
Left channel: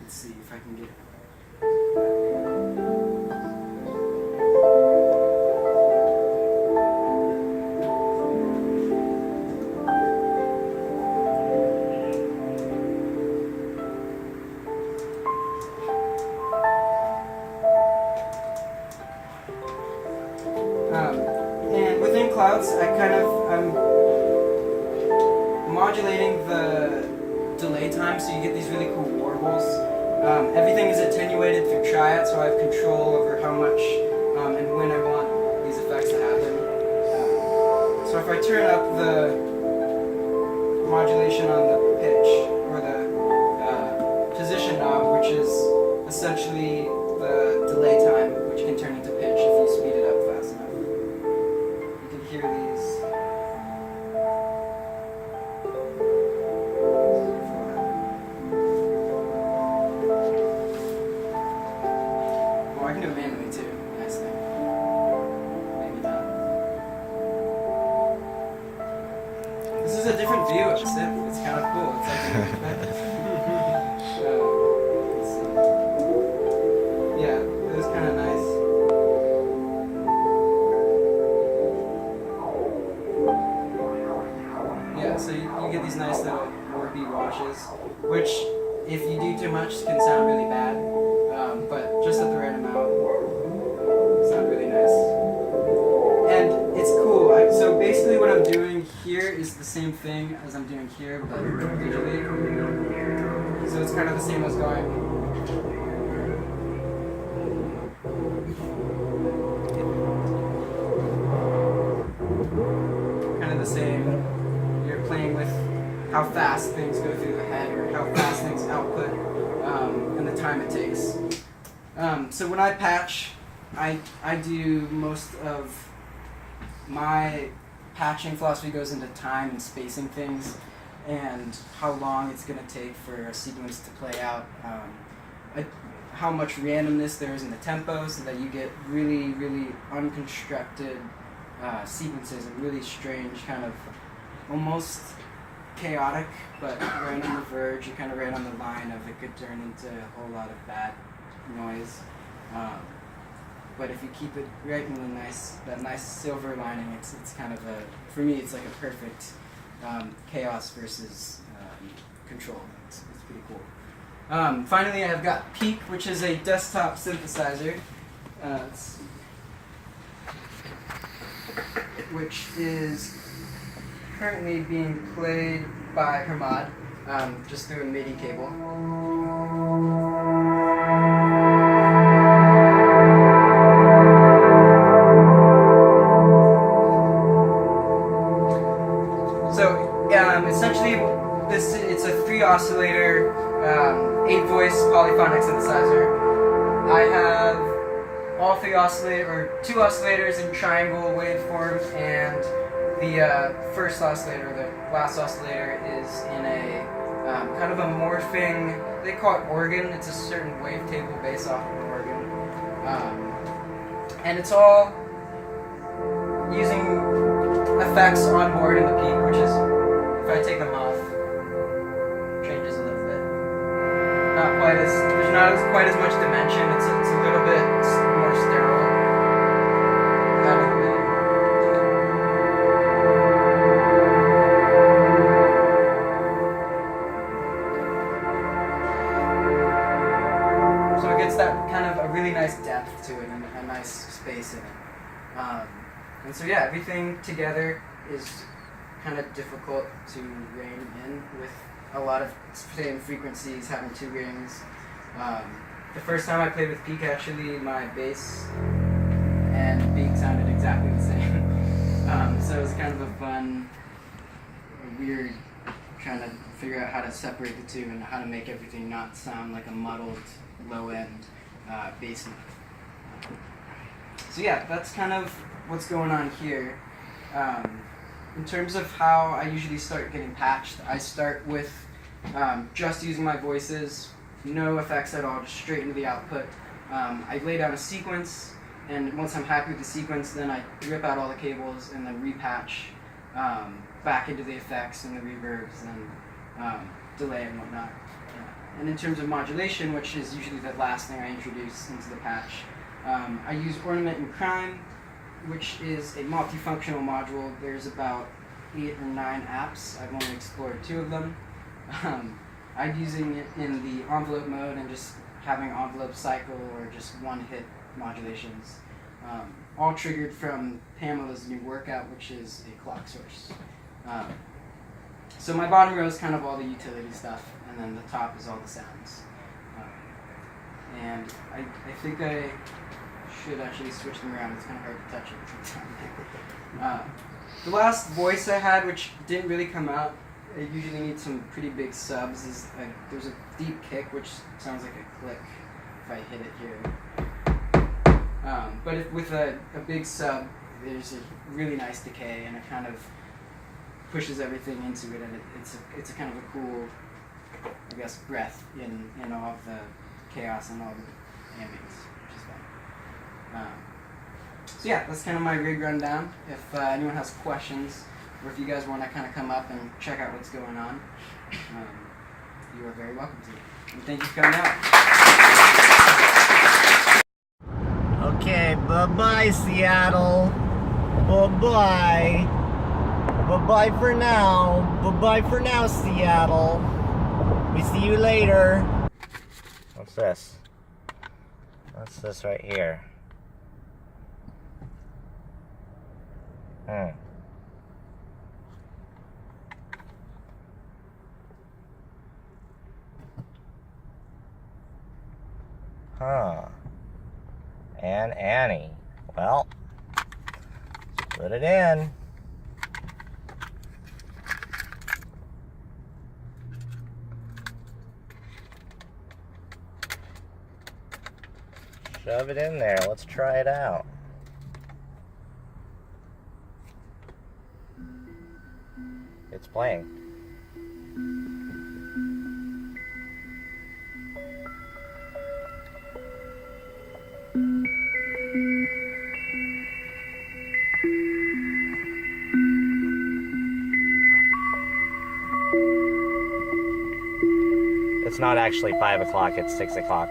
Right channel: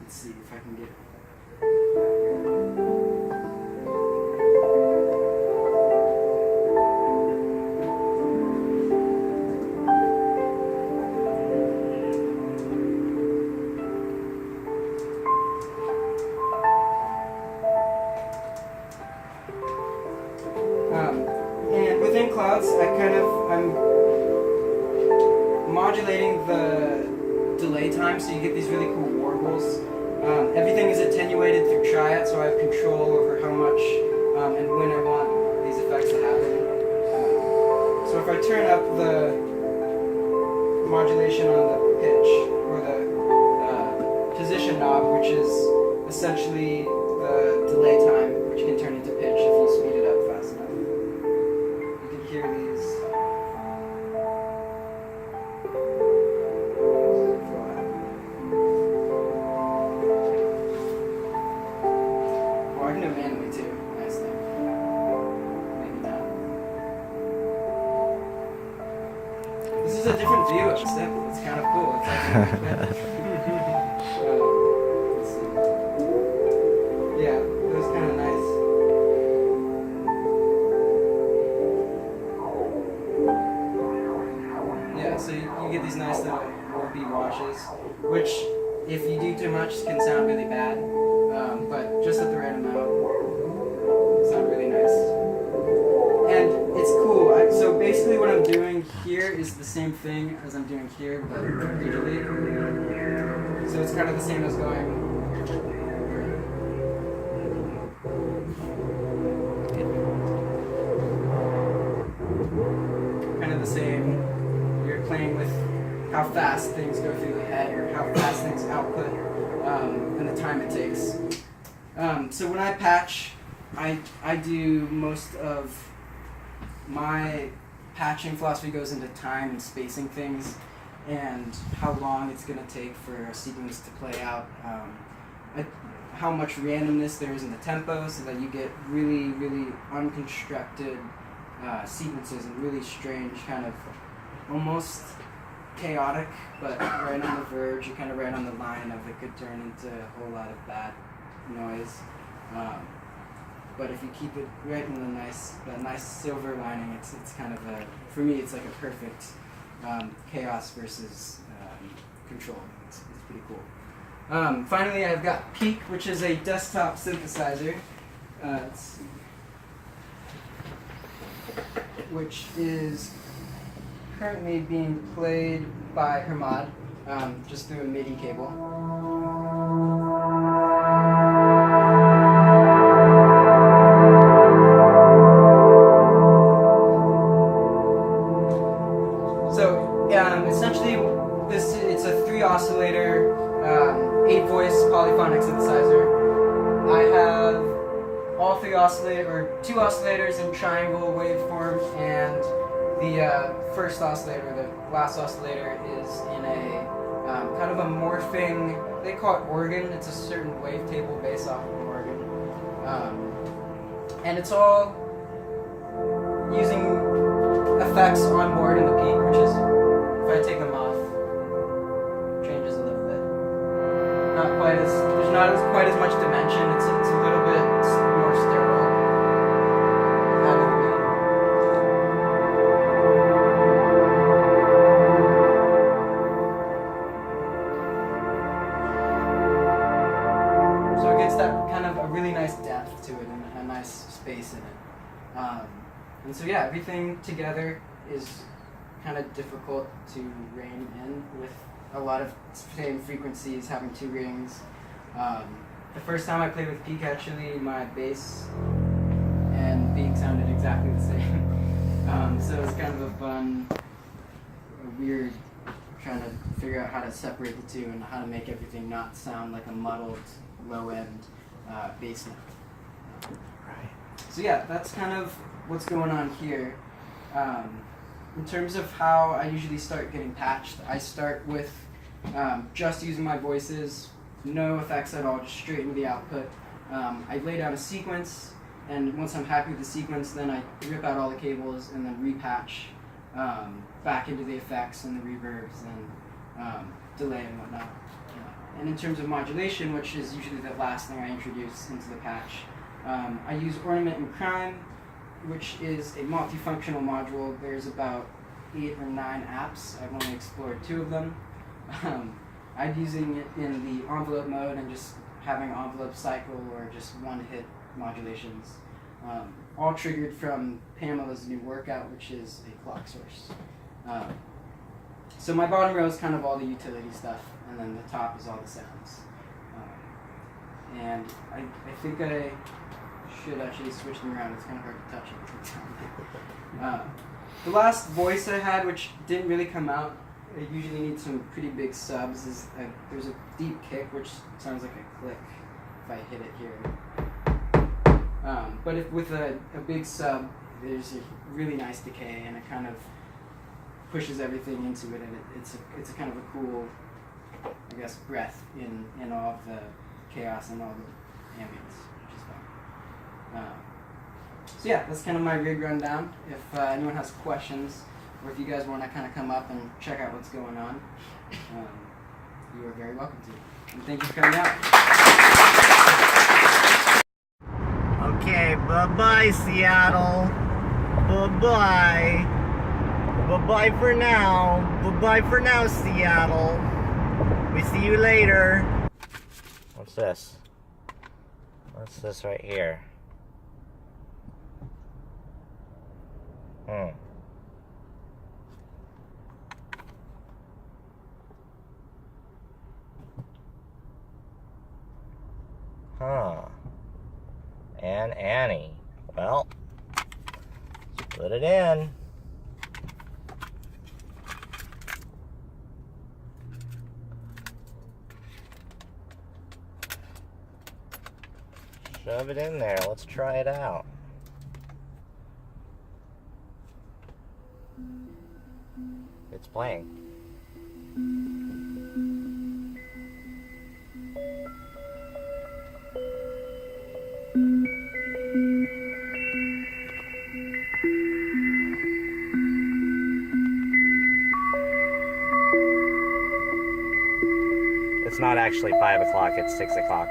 Let's see if I can get and within clouds, I'm modulating the time, so you get these really cool warbles. Everything is attenuated through triad, so I have control over how much and when I want these effects to happen. So if I turn up the modulation on the pitch, or the position knob, which is essentially the delay time, which can turn into pitch if you speed it up fast enough. You can hear these. Oh, I can do it manually too. Nice thing. Maybe not. This is a different view of the sample. It's kind of cool. It's like let's see. Yeah, it was kind of nice. Yeah, so you get these nice little warpy washes, which if you do too much can sound really bad, but just at the right amount, sound really nice. And it's cool. So basically what I'm doing here is the same thing as I'm doing here, but digitally. So it's kind of the same as going. Kind of the same. You're playing with how fast things go through the head or how fast things output and the time it takes. So when I patch, I do most of my patching philosophy goes into time and spacing things and how long it's going to take for a sequence to play out. How much randomness there is in the tempo so that you get really, really unconstructed sequences and really strange, kind of almost chaotic, but right on the verge, you're kind of right on the line of it could turn into a whole lot of bad noise. But if you keep it right in that nice silver lining, it's kind of for me, it's like a perfect chaos versus control. It's pretty cool. Finally, I've got Peak, which is a desktop synthesizer, let's see, which is currently being played by Hermod, just through a MIDI cable. Essentially, it's a 3-oscillator, 8-voice polyphonic synthesizer. I have all 2 oscillators in triangle waveform, and the first oscillator, the last oscillator, is in a kind of a morphing, they call it organ. It's a certain wavetable based off of an organ. And it's all using effects on board in the Peak, which is, if I take them off, changes a little bit. There's not quite as much dimension. It's a little bit more sterile. So it gets that kind of a really nice depth to it and a nice space in it. And so yeah, everything together is kind of difficult to rein in with a lot of same frequencies, having 2 rings. The first time I played with Peak, actually, my bass and Peak sounded exactly the same. So it was kind of a weird, trying to figure out how to separate the two and how to make everything not sound like a muddled, low-end bass note. So yeah, that's kind of what's going on here. In terms of how I usually start getting patched, I start with just using my voices, no effects at all, just straight into the output. I lay down a sequence, and once I'm happy with the sequence, then I rip out all the cables and then repatch back into the effects and the reverbs and delay and whatnot. And in terms of modulation, which is usually the last thing I introduce into the patch, I use Ornament and Crime, which is a multifunctional module. There's about 8 or 9 apps. I've only explored 2 of them. I'm using it in the envelope mode and just having envelope cycle or just one-hit modulations. All triggered from Pamela's new workout, which is a clock source. So my bottom row is kind of all the utility stuff, and then the top is all the sounds. And I think I should actually switch them around. It's kind of hard to touch it. The last voice I had, which didn't really come out, I usually need some pretty big subs, is there's a deep kick, which sounds like a click if I hit it here. But with a big sub, there's a really nice decay, and it kind of pushes everything into it, and it's a kind of a cool, I guess, breath in all of the chaos and all the ambience, which is fun. So yeah, that's kind of my rig rundown. If anyone has questions, or if you guys want to kind of come up and check out what's going on, you are very welcome to. And thank you for coming out. Okay, bye-bye, Seattle. Bye-bye. Bye-bye for now. Bye-bye for now, Seattle. We see you later. What's this? What's this right here? Huh. And Annie. Well, put it in. Shove it in there. Let's try it out. It's playing. It's not actually 5 o'clock, it's 6 o'clock.